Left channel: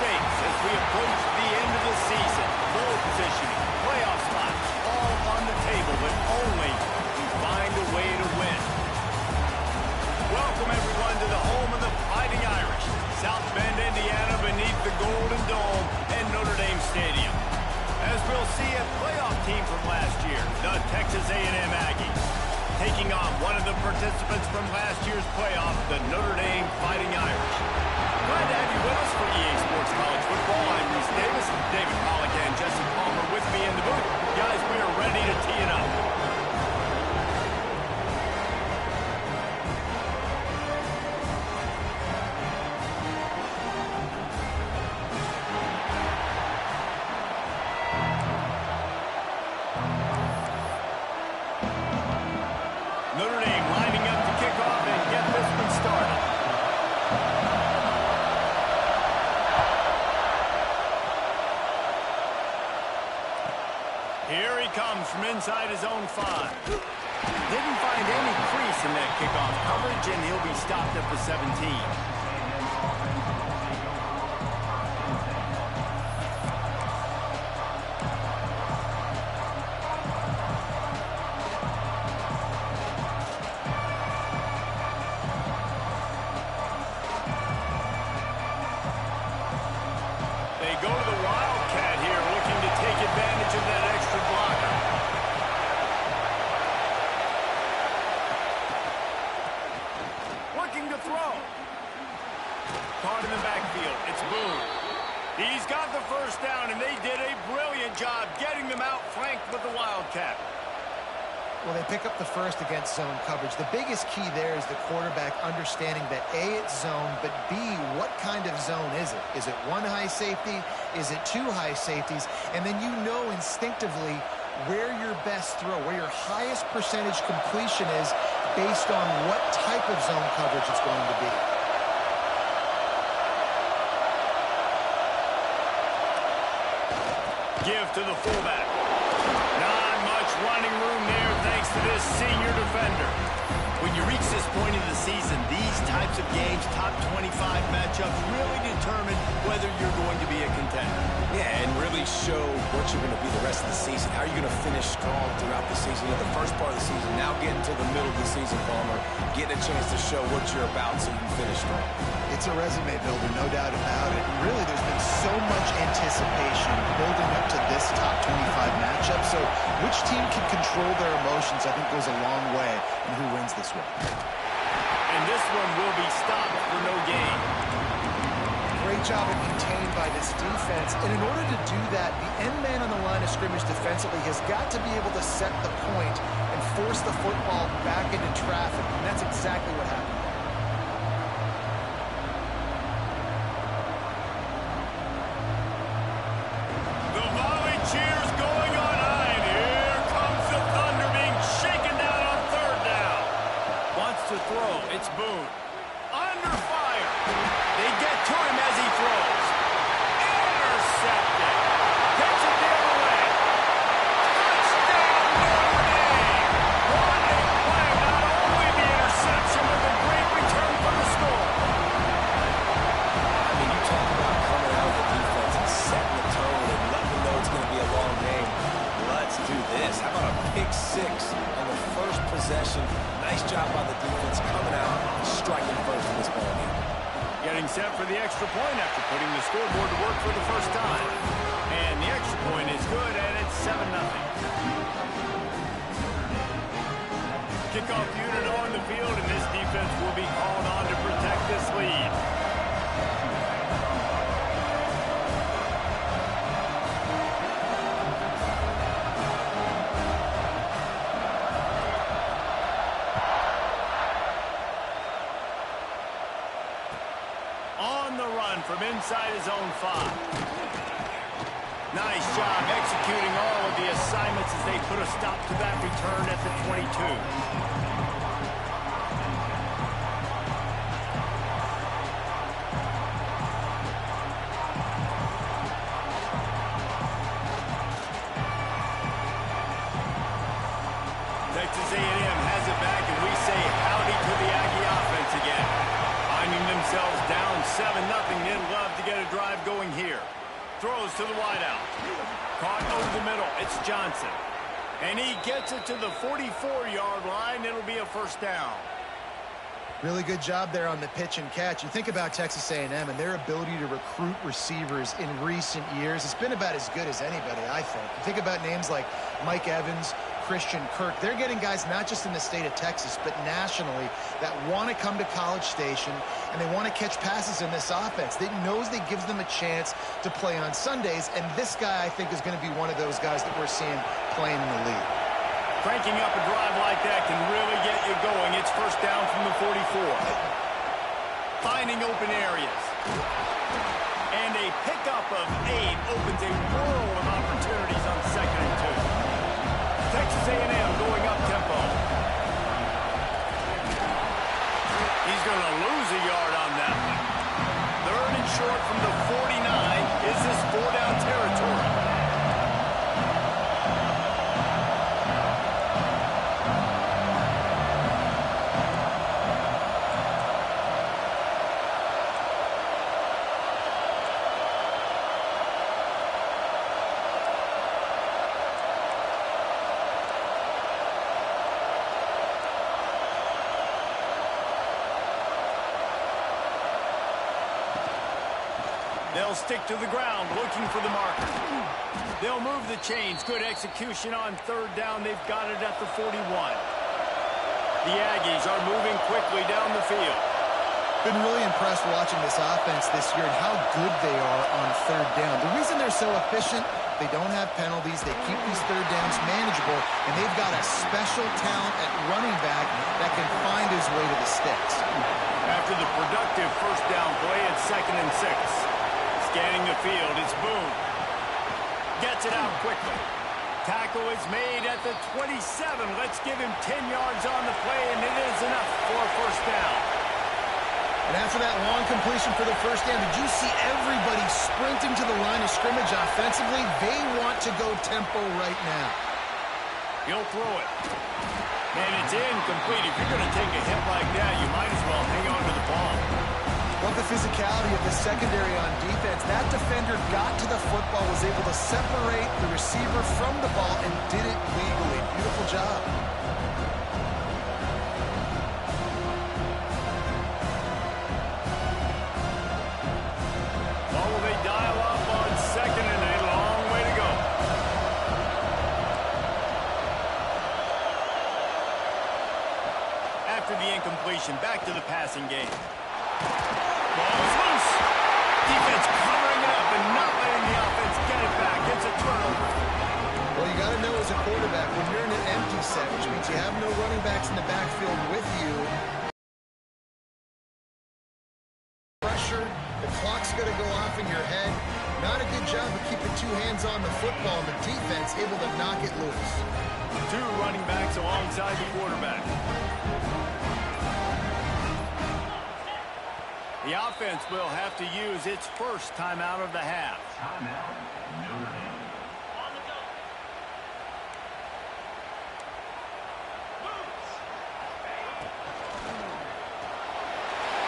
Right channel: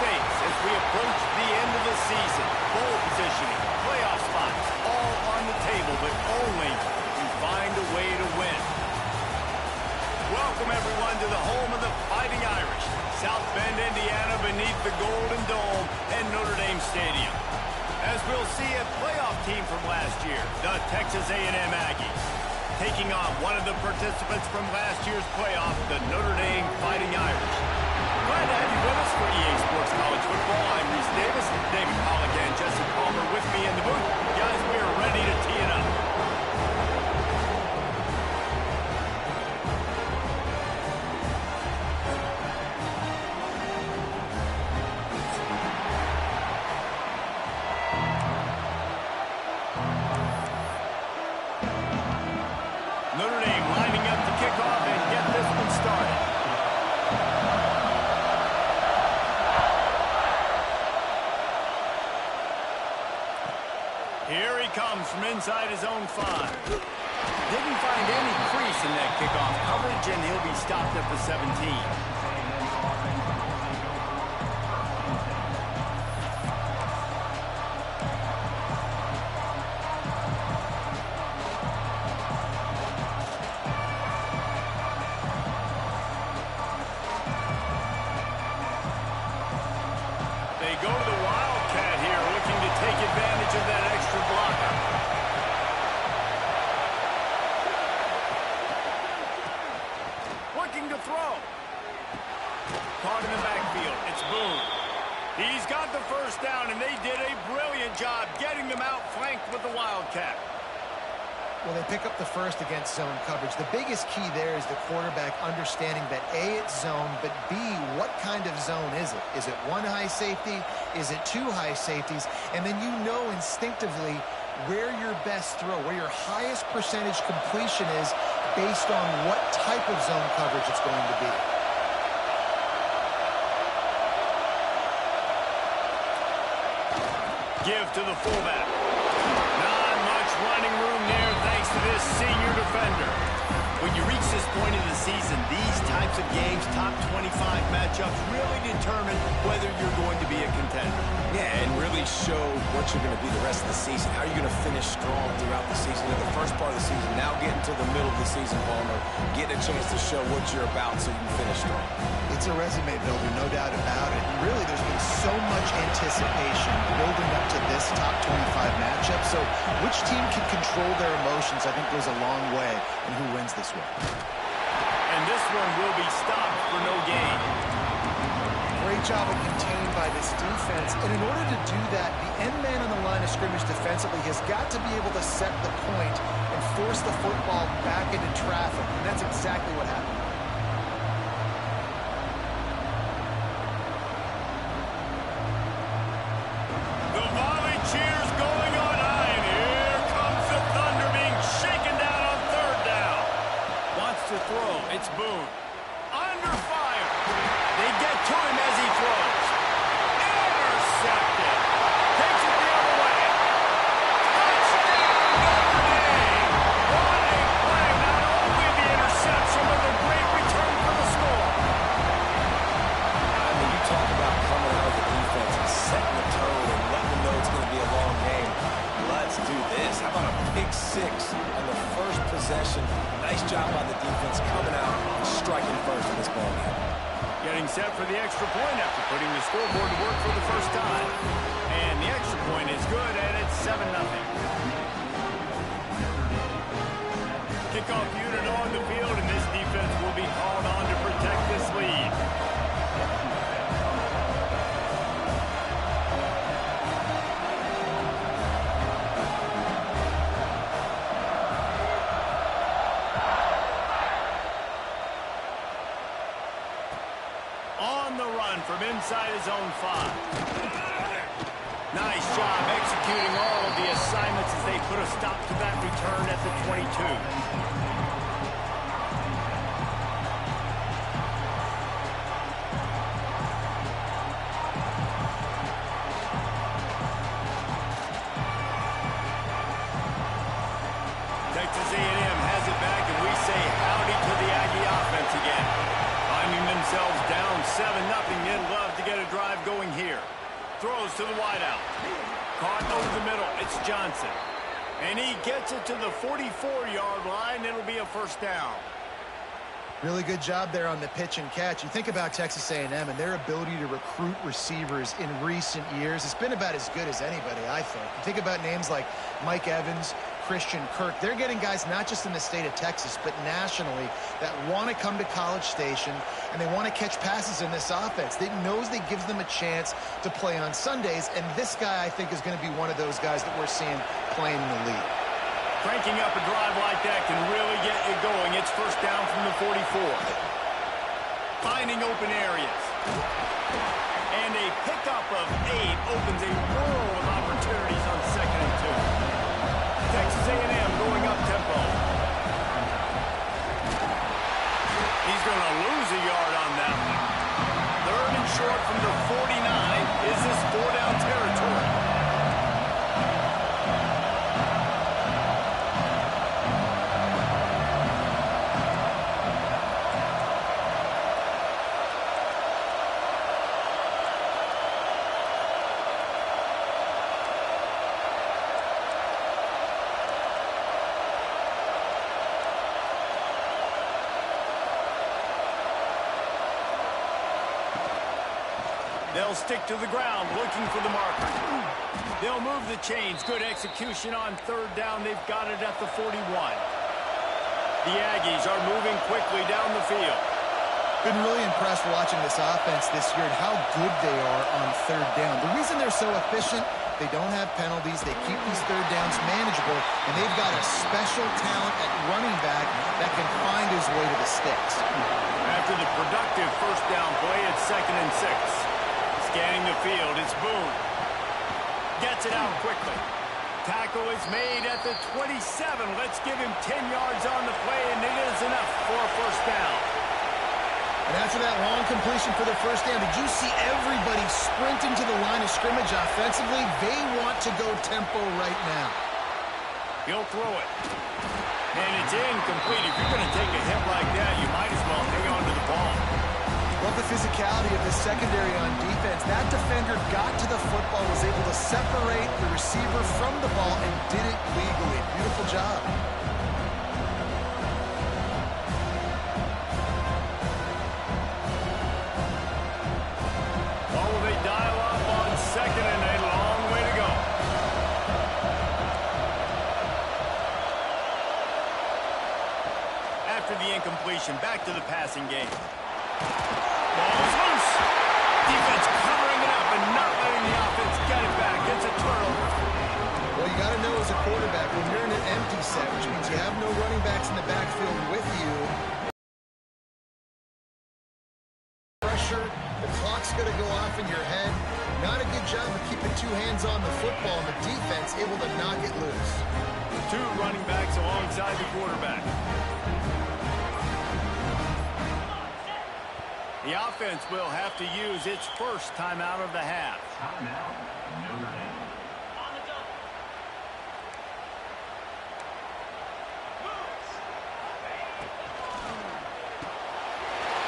stakes as we approach the end of the season. Bowl positioning, playoff spots, all on the table, but only to find a way to win. Welcome, everyone, to the home of the Fighting Irish, South Bend, Indiana, beneath the Golden Dome and Notre Dame Stadium. As we'll see a playoff team from last year, the Texas A&M Aggies, taking on one of the participants from last year's playoff, the Notre Dame Fighting Irish. Glad to have you with us for EA Sports College Football. I'm Reese Davis, David Pollack, and Jesse Palmer with me in the booth. Guys, we are ready to tee it up. Notre Dame lining up to kick off and get this one started. Here he comes from inside his own 5. Didn't find any crease in that kickoff coverage, and he'll be stopped at the 17. They go to the Wildcat here, looking to take advantage of that extra blocker. Looking to throw. Caught in the backfield. It's Boone. He's got the first down, and they did a brilliant job getting them outflanked with the Wildcat. Well, they pick up the first against zone coverage. The biggest key there is the quarterback understanding that A, it's zone, but B, what kind of zone is it? Is it one high safety? Is it two high safeties? And then you know instinctively where your best throw, where your highest percentage completion is based on what type of zone coverage it's going to be. Give to the fullback. Not much running room there thanks to this senior defender. When you reach this point of the season, these types of games, top 25 matchups, really determine whether you're going to be a contender. Yeah, and really show what you're going to be the rest of the season. How are you going to finish strong throughout the season? In the first part of the season, now getting to the middle of the season, Palmer, getting a chance to show what you're about so you can finish strong. It's a resume builder, no doubt about it. Really, there's been so much anticipation building up to this top 25 matchup. So which team can control their emotions, I think, goes a long way in who wins this one. And this one will be stopped for no gain. Great job of contained by this defense. And in order to do that, the end man on the line of scrimmage defensively has got to be able to set the point and force the football back into traffic. And that's exactly what happened. The volley cheers going on high, and here comes the Thunder being shaken down on third down. Wants to throw. It's Boone. Under fire. They get to him as he throws. Intercepted. Takes it the other way. Touchdown, Notre Dame. What a play. Not only the interception, but the great return for the score. I mean, you talk about coming out of the defense and setting the tone and letting them know it's going to be a long game. Let's do this. How about a pick 6 on the first possession? Nice job by the defense coming out and striking first in this ball game. Getting set for the extra point after putting the scoreboard to work for the first time. And the extra point is good, and it's 7-0. Kickoff unit on the field, and this defense will be called on to protect this lead. On the run from inside his own 5. Nice job executing all of the assignments as they put a stop to that return at the 22. Texas A&M has it back, and we say howdy to the Aggie offense again. Finding themselves down 7-0. They'd love to get a drive going here. Throws to the wideout. Caught over the middle. It's Johnson. And he gets it to the 44-yard line. It'll be a first down. Really good job there on the pitch and catch. You think about Texas A&M and their ability to recruit receivers in recent years. It's been about as good as anybody, I think. You think about names like Mike Evans, Christian Kirk. They're getting guys not just in the state of Texas, but nationally that want to come to College Station and they want to catch passes in this offense. They knows that gives them a chance to play on Sundays, and this guy, I think, is going to be one of those guys that we're seeing playing in the league. Cranking up a drive like that can really get you going. It's first down from the 44. Finding open areas. And a pickup of 8 opens a world of opportunities on 2nd and 2. Texas A&M going up tempo. He's going to lose a yard on that one. 3rd and short from the 49. Is this 4-down territory? They'll stick to the ground, looking for the marker. They'll move the chains. Good execution on 3rd down. They've got it at the 41. The Aggies are moving quickly down the field. Been really impressed watching this offense this year and how good they are on 3rd down. The reason they're so efficient, they don't have penalties. They keep these 3rd downs manageable, and they've got a special talent at running back that can find his way to the sticks. After the productive first down play, it's 2nd and 6. Scanning the field, it's Boone. Gets it out quickly. Tackle is made at the 27. Let's give him 10 yards on the play, and it is enough for a first down. And after that long completion for the first down, did you see everybody sprinting to the line of scrimmage offensively? They want to go tempo right now. He'll throw it. And it's incomplete. If you're going to take a hit like that, you might as well hang on to the ball. Love the physicality of the secondary on defense. That defender got to the football, was able to separate the receiver from the ball, and did it legally. Beautiful job. Well, will they dial up on 2nd and a long way to go? After the incompletion, back to the passing game. Ball is loose. Defense covering it up and not letting the offense get it back. It's a turnover. Well, you got to know as a quarterback, when you're in an empty set, which means you have no running backs in the backfield with you, pressure, the clock's going to go off in your head. Not a good job of keeping 2 hands on the football, and the defense able to knock it loose. 2 running backs alongside the quarterback. The offense will have to use its first timeout of the half. Timeout, Notre Dame. On the go.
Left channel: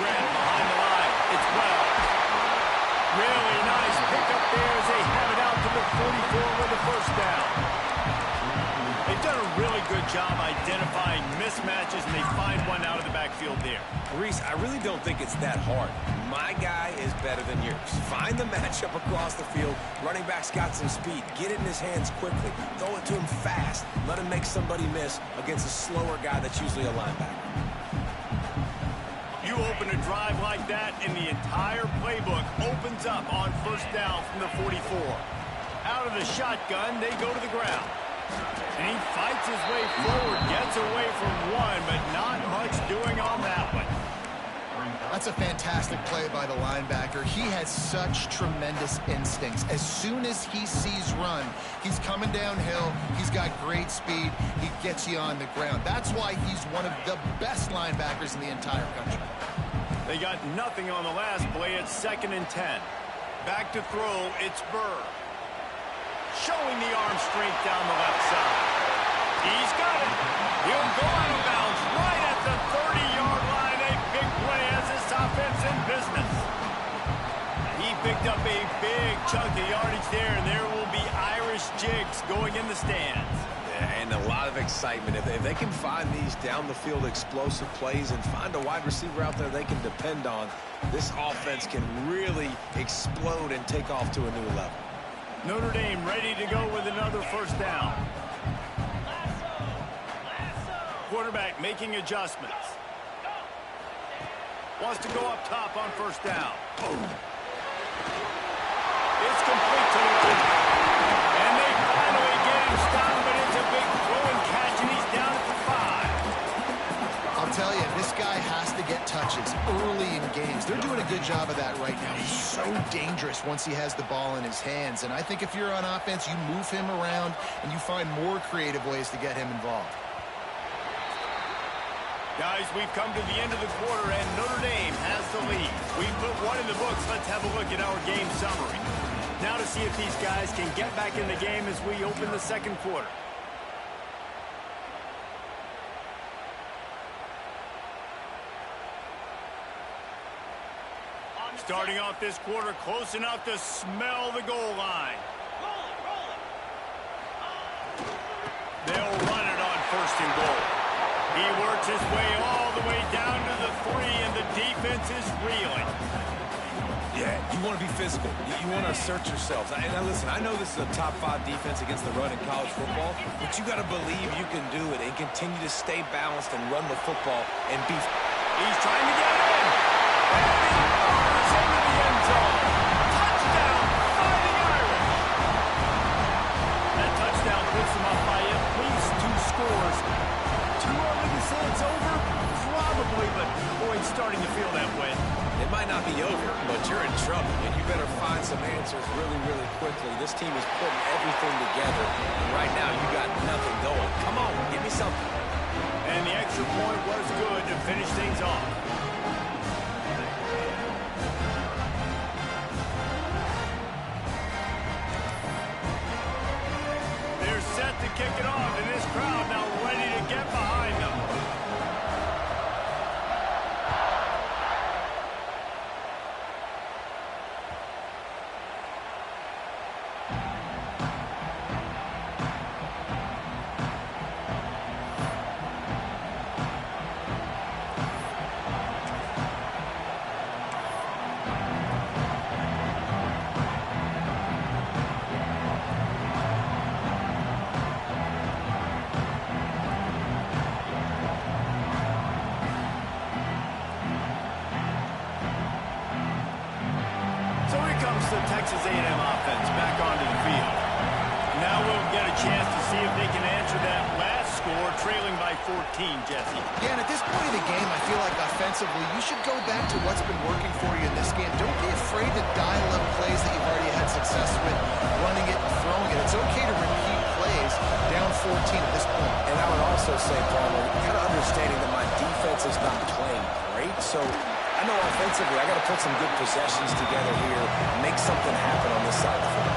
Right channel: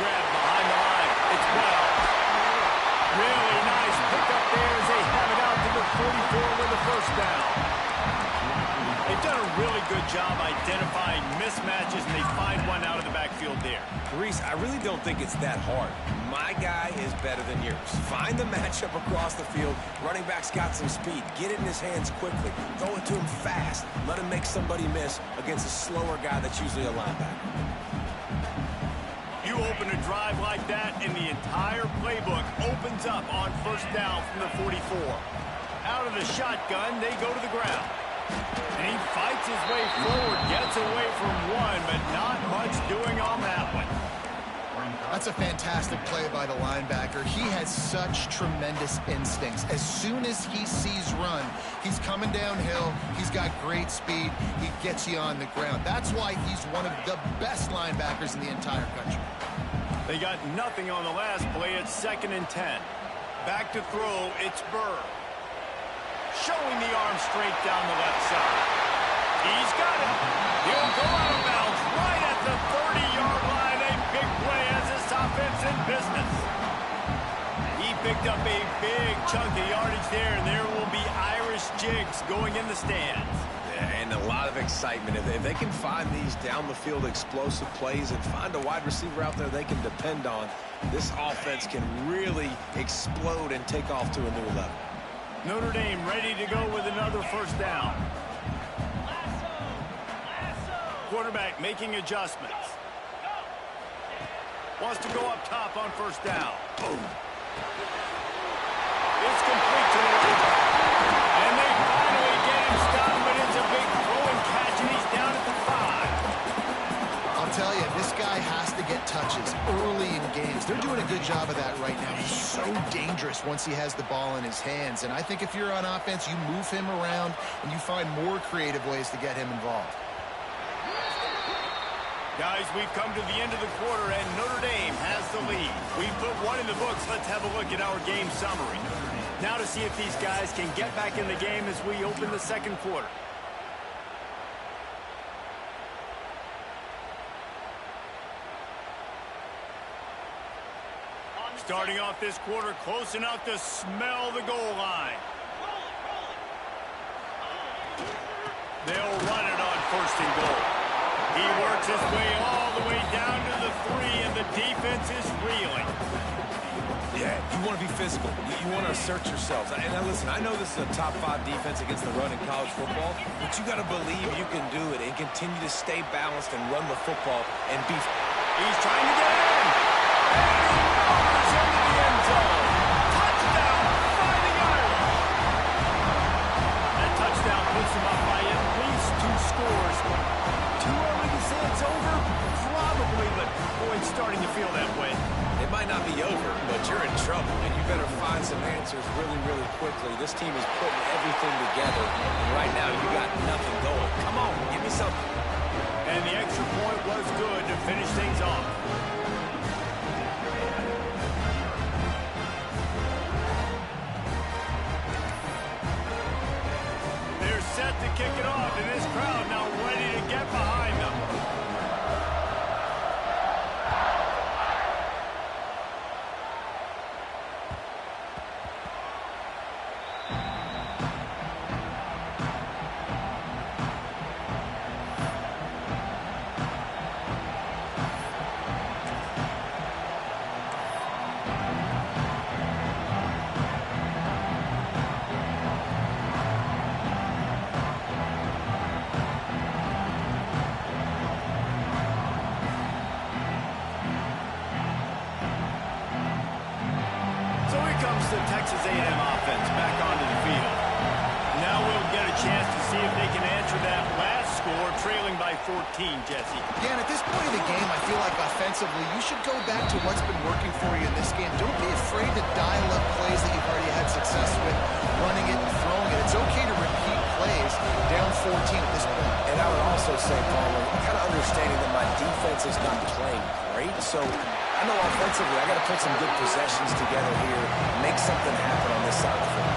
Grab behind the line. It's well. Really nice pickup there as they have it out to the 44 with a first down. They've done a really good job identifying mismatches, and they find one out of the backfield there. Reese, I really don't think it's that hard. My guy is better than yours. Find the matchup across the field. Running back's got some speed. Get it in his hands quickly. Throw it to him fast. Let him make somebody miss against a slower guy that's usually a linebacker. You open a drive like that, and the entire playbook opens up on first down from the 44. Out of the shotgun, they go to the ground. And he fights his way forward, gets away from one, but not much doing on that one. That's a fantastic play by the linebacker. He has such tremendous instincts. As soon as he sees run, he's coming downhill. He's got great speed. He gets you on the ground. That's why he's one of the best linebackers in the entire country. They got nothing on the last play. It's 2nd and 10. Back to throw, it's Burr. Showing the arm strength down the left side. He's got it. He'll go out of bounds right at the 30-yard line. A big play as this offense in business. He picked up a big chunk of yardage there, and there will be Irish jigs going in the stands. Yeah, and a lot of excitement. If they can find these down-the-field explosive plays and find a wide receiver out there they can depend on, this offense can really explode and take off to a new level. Notre Dame ready to go with another first down. Quarterback making adjustments. Wants to go up top on first down. It's complete to the right. And they finally get him stopped, but it's a big throw and catch, and he's down at the 5. I'll tell you, this guy has to get touches early in games. They're doing a good job of that right now. He's so dangerous once he has the ball in his hands. And I think if you're on offense, you move him around and you find more creative ways to get him involved. Guys, we've come to the end of the quarter, and Notre Dame has the lead. We put one in the books. Let's have a look at our game summary. Now to see if these guys can get back in the game as we open the second quarter. Starting off this quarter close enough to smell the goal line. They'll run it on first and goal. He works his way all the way down to the 3, and the defense is reeling. Yeah, you want to be physical. You want to assert yourselves. And now listen, I know this is a top 5 defense against the run in college football, but you got to believe you can do it and continue to stay balanced and run the football and be... He's trying to get it in. And he motors into the end zone. Touchdown, Fighting Irish. That touchdown puts him up by at least 2 scores. Too early to say it's over? Probably, but boy, it's starting to feel that way. It might not be over, but you're in trouble, and you better find some answers really, really quickly. This team is putting everything together, and right now you got nothing going. Come on, give me something. And the extra point was good to finish things off. They're set to kick it off, and this crowd now ready to get behind them. So here comes the Texas A&M offense back onto the field. Now we'll get a chance to see if they can answer that last score, trailing by 14, Jesse. Yeah, and at this point in the game, I feel like offensively, you should go back to what's been working for you in this game. Don't be afraid to dial up plays that you've already had success with, running it and throwing it. It's okay to repeat plays down 14 at this point. And I would also say, Palmer, kind of understanding that my defense is not playing great, so I know offensively I got to put some good possessions together here, make something happen on this side of the field.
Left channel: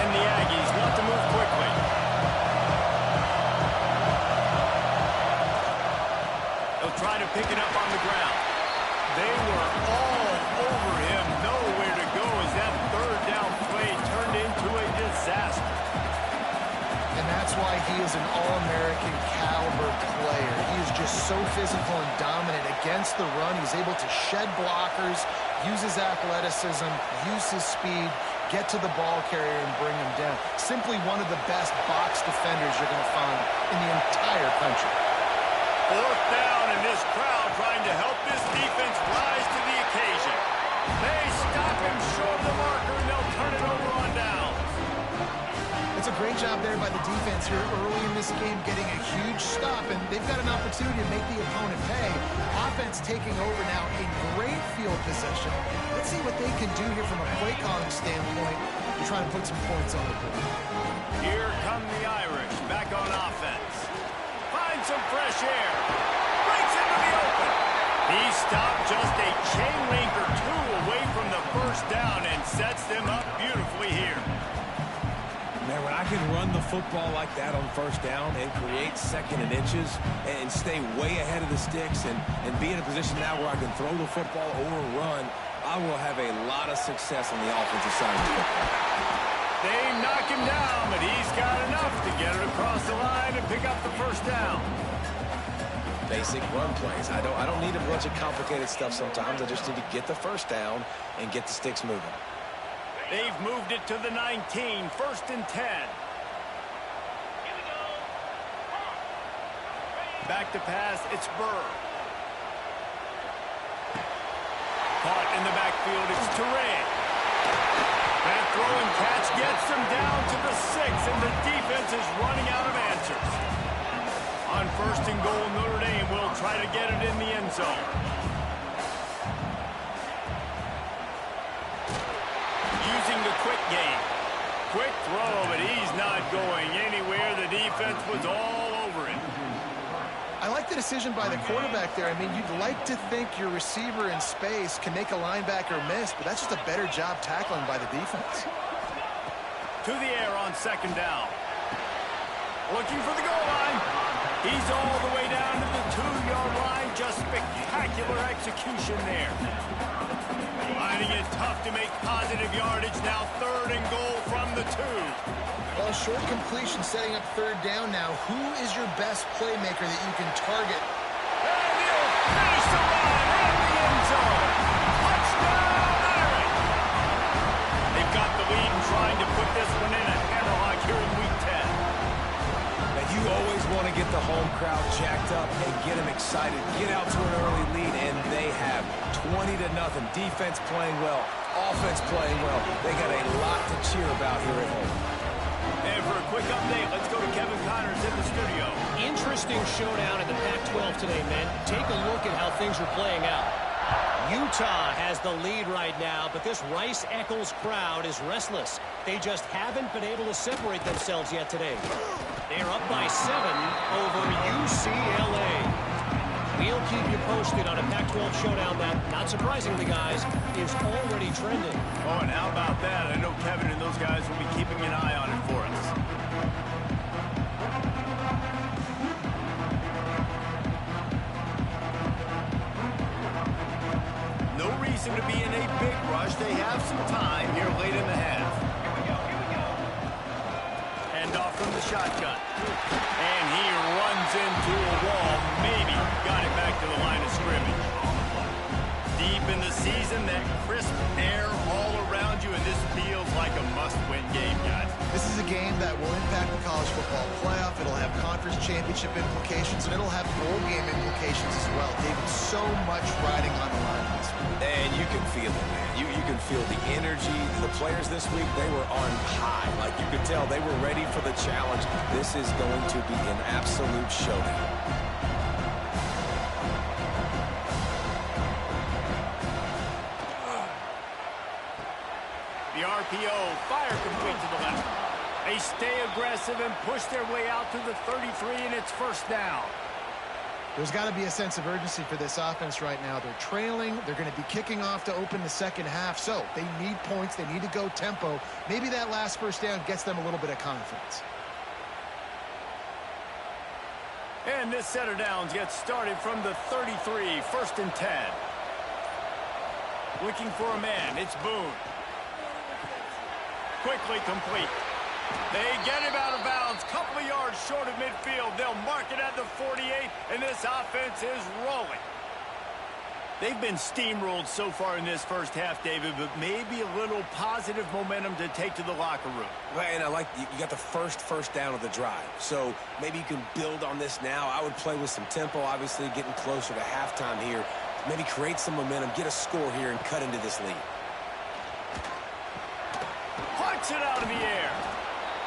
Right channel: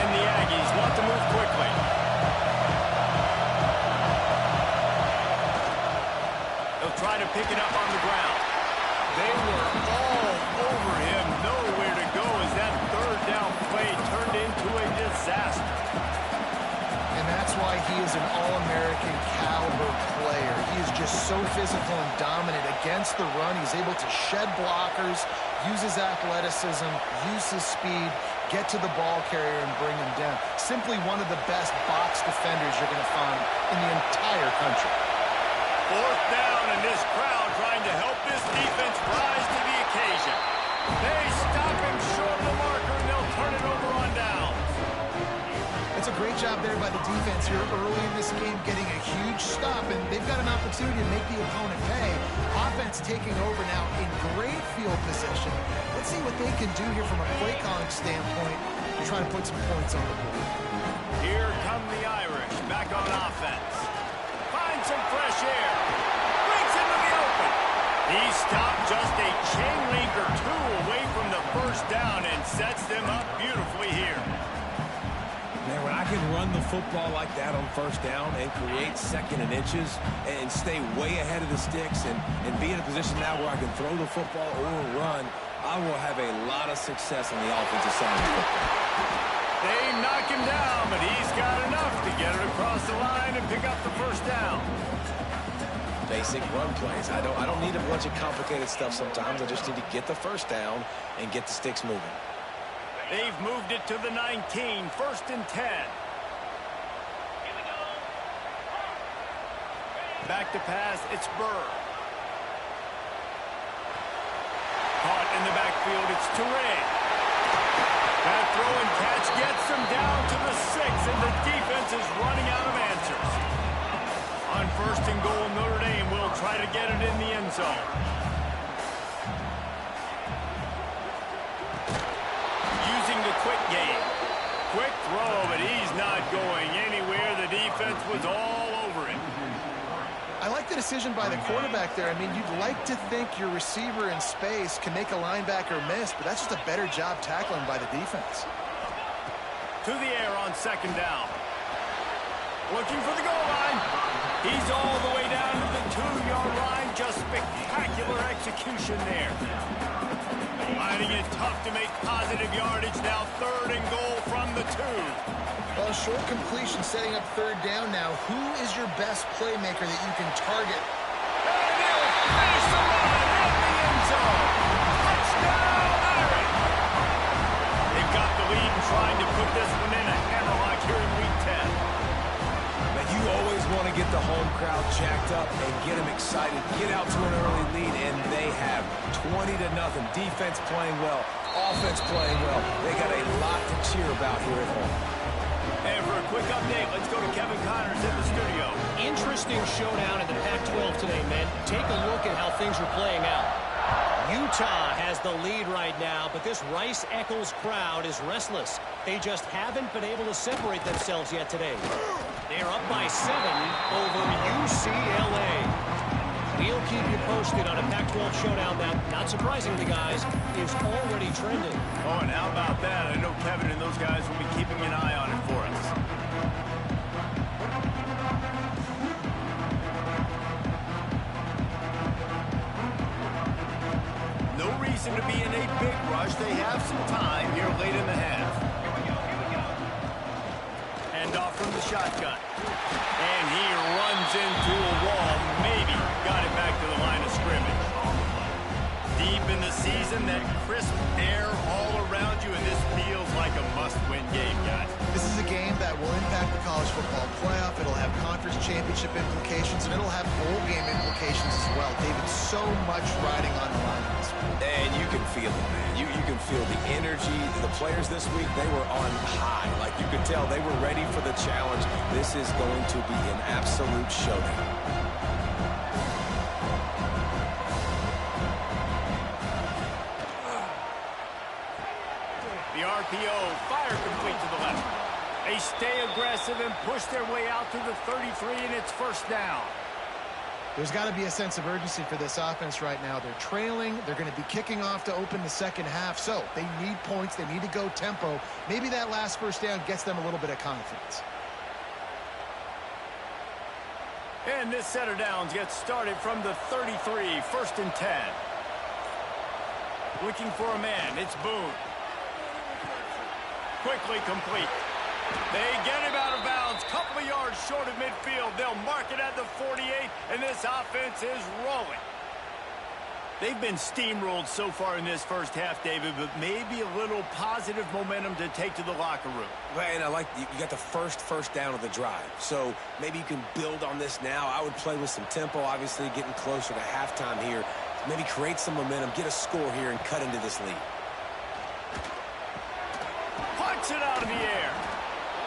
And the Aggies want to move quickly. They'll try to pick it up on the ground. They were all over him, nowhere to go as that third down play turned into a disaster. And that's why he is an All-American caliber player. He is just so physical and dominant against the run. He's able to shed blockers, use his athleticism, use his speed, get to the ball carrier and bring him down. Simply one of the best box defenders you're going to find in the entire country. Fourth down, and this crowd trying to help this defense rise to the occasion. They stop him short of the marker, and they'll turn it over on downs. It's a great job there by the defense here early in this game, getting a huge stop, and they've got an opportunity to make the opponent pay. Offense taking over now in great field position. Let's see what they can do here from a play calling standpoint to try to put some points on the board. Here come the Irish back on offense. Finds some fresh air. Breaks into the open. He stopped just a chain link or 2 away from the first down and sets them up beautifully here. Man, when I can run the football like that on first down and create second and inches and stay way ahead of the sticks and be in a position now where I can throw the football or run, I will have a lot of success on the offensive side of the football. They knock him down, but he's got enough to get it across the line and pick up the first down. Basic run plays. I don't need a bunch of complicated stuff sometimes. I just need to get the first down and get the sticks moving. They've moved it to the 19, 1st and 10. Here we go. Back to pass, it's Burr. Caught in the backfield, it's Touré. That throw and catch gets them down to the 6, and the defense is running out of answers. On 1st and goal, Notre Dame will try to get it in the end zone. Using the quick game. Quick throw, but he's not going anywhere. The defense was all over him. I like the decision by the quarterback there. I mean, you'd like to think your receiver in space can make a linebacker miss, but that's just a better job tackling by the defense. To the air on 2nd down. Looking for the goal line. He's all the way down to the 2-yard line. Just spectacular execution there. Finding it tough to make positive yardage. Now 3rd and goal from the 2. Well, short completion setting up 3rd down now. Who is your best playmaker that you can target? And he'll finish the run in the end zone. Touchdown, Irish. They've got the lead and trying to put this one in a hammerlock here in Week 10. You always want to get the home crowd jacked up and get them excited, get out to an early lead, and they have 20-0. Defense playing well, offense playing well. They got a lot to cheer about here at home. And for a quick update, let's go to Kevin Connors in the studio. Interesting showdown in the Pac-12 today, men. Take a look at how things are playing out. Utah has the lead right now, but this Rice-Eccles crowd is restless. They just haven't been able to separate themselves yet today. They're up by 7 over UCLA. We'll keep you posted on a Pac-12 showdown that, not surprisingly, guys, is already trending. Oh, and how about that? I know Kevin and those guys will be keeping an eye on it for us. No reason to be in a big rush. They have some time here late in the half. Off from the shotgun. And he runs into a wall. Maybe got it back to the line of scrimmage. Deep in the season, that crisp air all around you, and this feels like a must-win game, guys. This is a game that will impact the college football playoff. It'll have conference championship implications, and it'll have bowl game implications as well. David, so much riding on the line in this one. And you can feel it, man. You can feel the energy. The players this week, they were on high. Like, you could tell they were ready for the challenge. This is going to be an absolute showdown. The RPO, fire complete to the left. They stay aggressive and push their way out to the 33, and it's 1st down. There's got to be a sense of urgency for this offense right now. They're trailing. They're going to be kicking off to open the 2nd half, so they need points. They need to go tempo. Maybe that last 1st down gets them a little bit of confidence. And this set of downs gets started from the 33, 1st and 10. Looking for a man, it's Boone. Quickly complete. They get him out of bounds, couple of yards short of midfield. They'll mark it at the 48, and this offense is rolling. They've been steamrolled so far in this 1st half, David, but maybe a little positive momentum to take to the locker room. Well, and I like you got the first down of the drive, so maybe you can build on this now. I would play with some tempo, obviously getting closer to halftime here. Maybe create some momentum, get a score here, and cut into this lead. Punch it out of the air.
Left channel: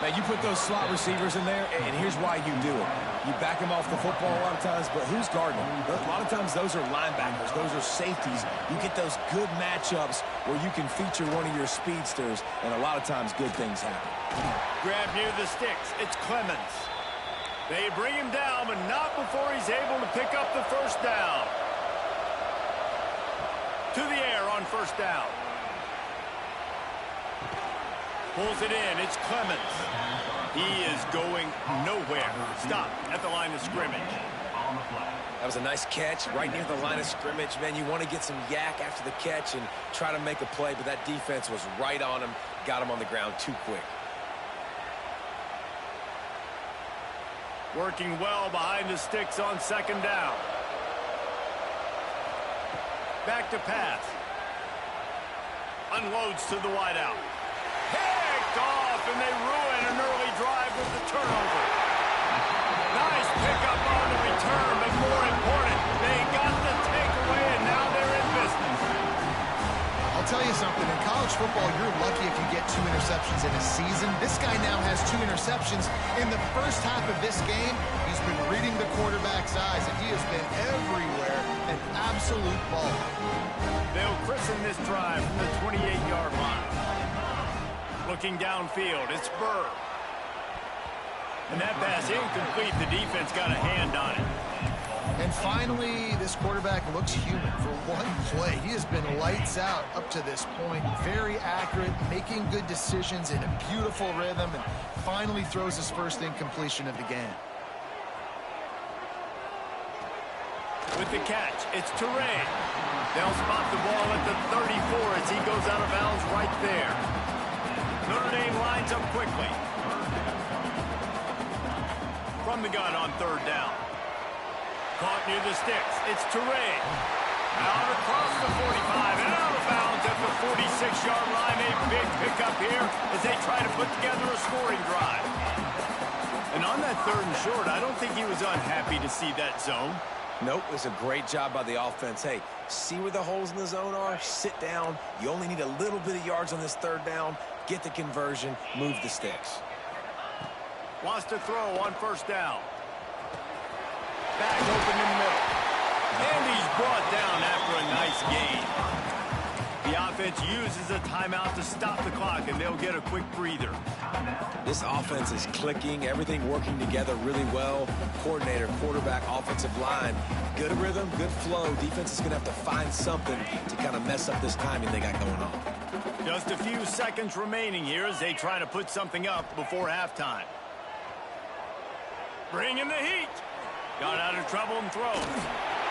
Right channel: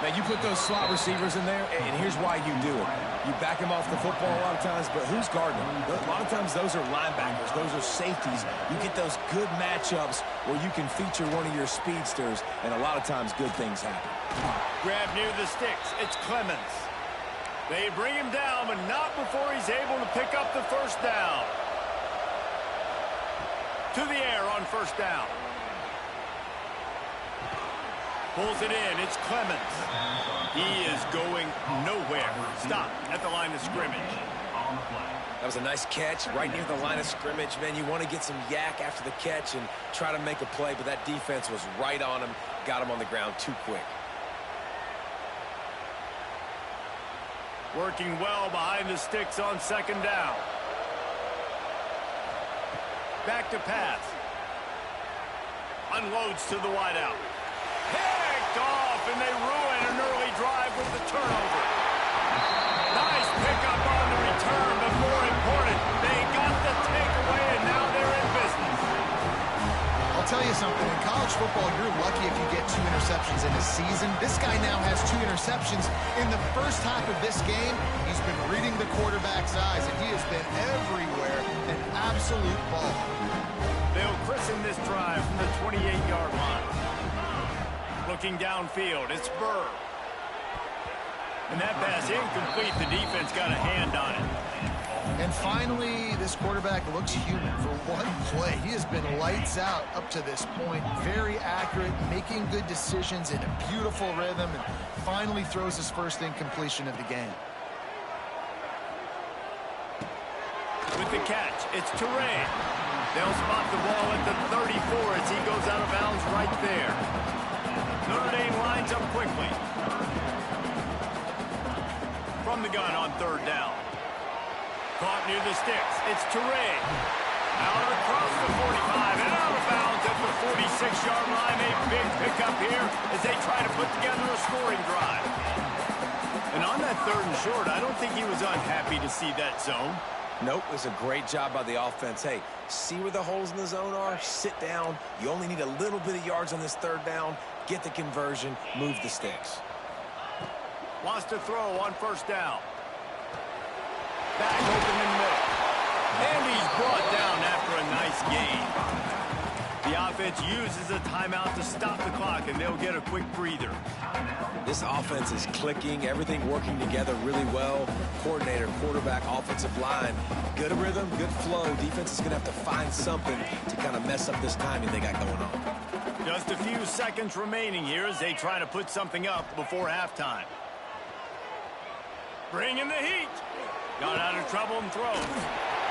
Man, you put those slot receivers in there, and here's why you do it. You back them off the football a lot of times, but who's guarding them? A lot of times those are linebackers. Those are safeties. You get those good matchups where you can feature one of your speedsters, and a lot of times good things happen. Grab near the sticks. It's Clemens. They bring him down, but not before he's able to pick up the 1st down. To the air on 1st down. Pulls it in. It's Clemens. He is going nowhere. Stop at the line of scrimmage. On the play. That was a nice catch right near the line of scrimmage. Man, you want to get some yak after the catch and try to make a play, but that defense was right on him, got him on the ground too quick. Working well behind the sticks on second down. Back to pass. Unloads to the wideout. Picked off, and they ruin an early drive with the turnover. Nice pickup on the return, but more important, they got the takeaway, and now they're in business. I'll tell you something. In college football, you're lucky if you get 2 interceptions in a season. This guy now has 2 interceptions. In the first half of this game, he's been reading the quarterback's eyes, and he has been everywhere, an absolute ball. They'll christen this drive from the 28-yard line. Looking downfield, it's Burr. And that pass incomplete. The defense got a hand on it. And finally, this quarterback looks human for one play. He has been lights out up to this point. Very accurate, making good decisions in a beautiful rhythm, and finally throws his first incompletion of the game. With the catch, it's Toure. They'll spot the ball at the 34 as he goes out of bounds right there. Notre Dame lines up quickly. From the gun on third down. Caught near the sticks. It's Toure. Out across the 45 and out of bounds at the 46-yard line. A big pickup here as they try to put together a scoring drive. And on that third and short, I don't think he was unhappy to see that zone. Nope, it was a great job by the offense. Hey, see where the holes in the zone are? Sit down. You only need a little bit of yards on this third down. Get the conversion. Move the sticks. Wants to throw on first down. Back open in the middle. And he's brought down after a nice gain. The offense uses a timeout to stop the clock, and they'll get a quick breather. This offense is clicking, everything working together really well. Coordinator, quarterback, offensive line. Good rhythm, good flow. Defense is going to have to find something to kind of mess up this timing they got going on. Just a few seconds remaining here as they try to put something up before halftime. Bringing the heat. Got out of trouble and throws.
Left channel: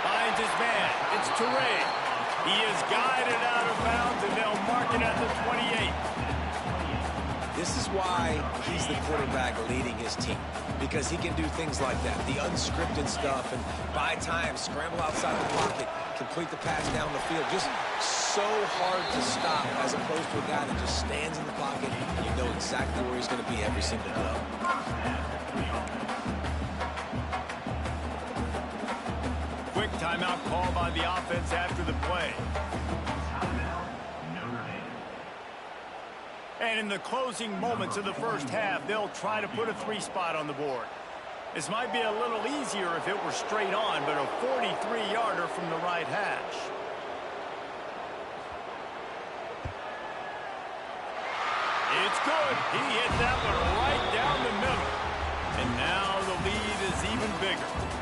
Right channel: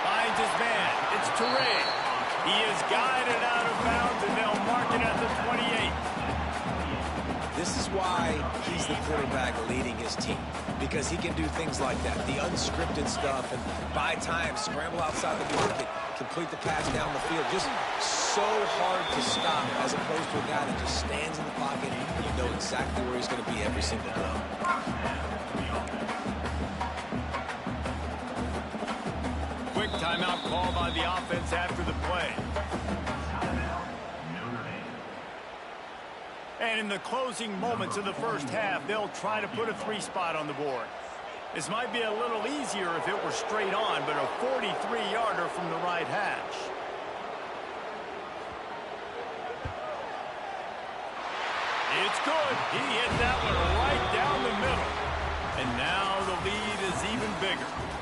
Finds his man. It's Toure. He is guided out of bounds, and they'll mark it at the 28. This is why he's the quarterback leading his team, because he can do things like that, the unscripted stuff, and buy time, scramble outside the pocket, complete the pass down the field. Just so hard to stop as opposed to a guy that just stands in the pocket and you know exactly where he's going to be every single play. Quick timeout call by the offense after the play. Timeout, Notre Dame. And in the closing moments of the first half, they'll try to put a 3-spot on the board. This might be a little easier if it were straight on, but a 43-yarder from the right hash. It's good. He hit that one right down the middle. And now the lead is even bigger.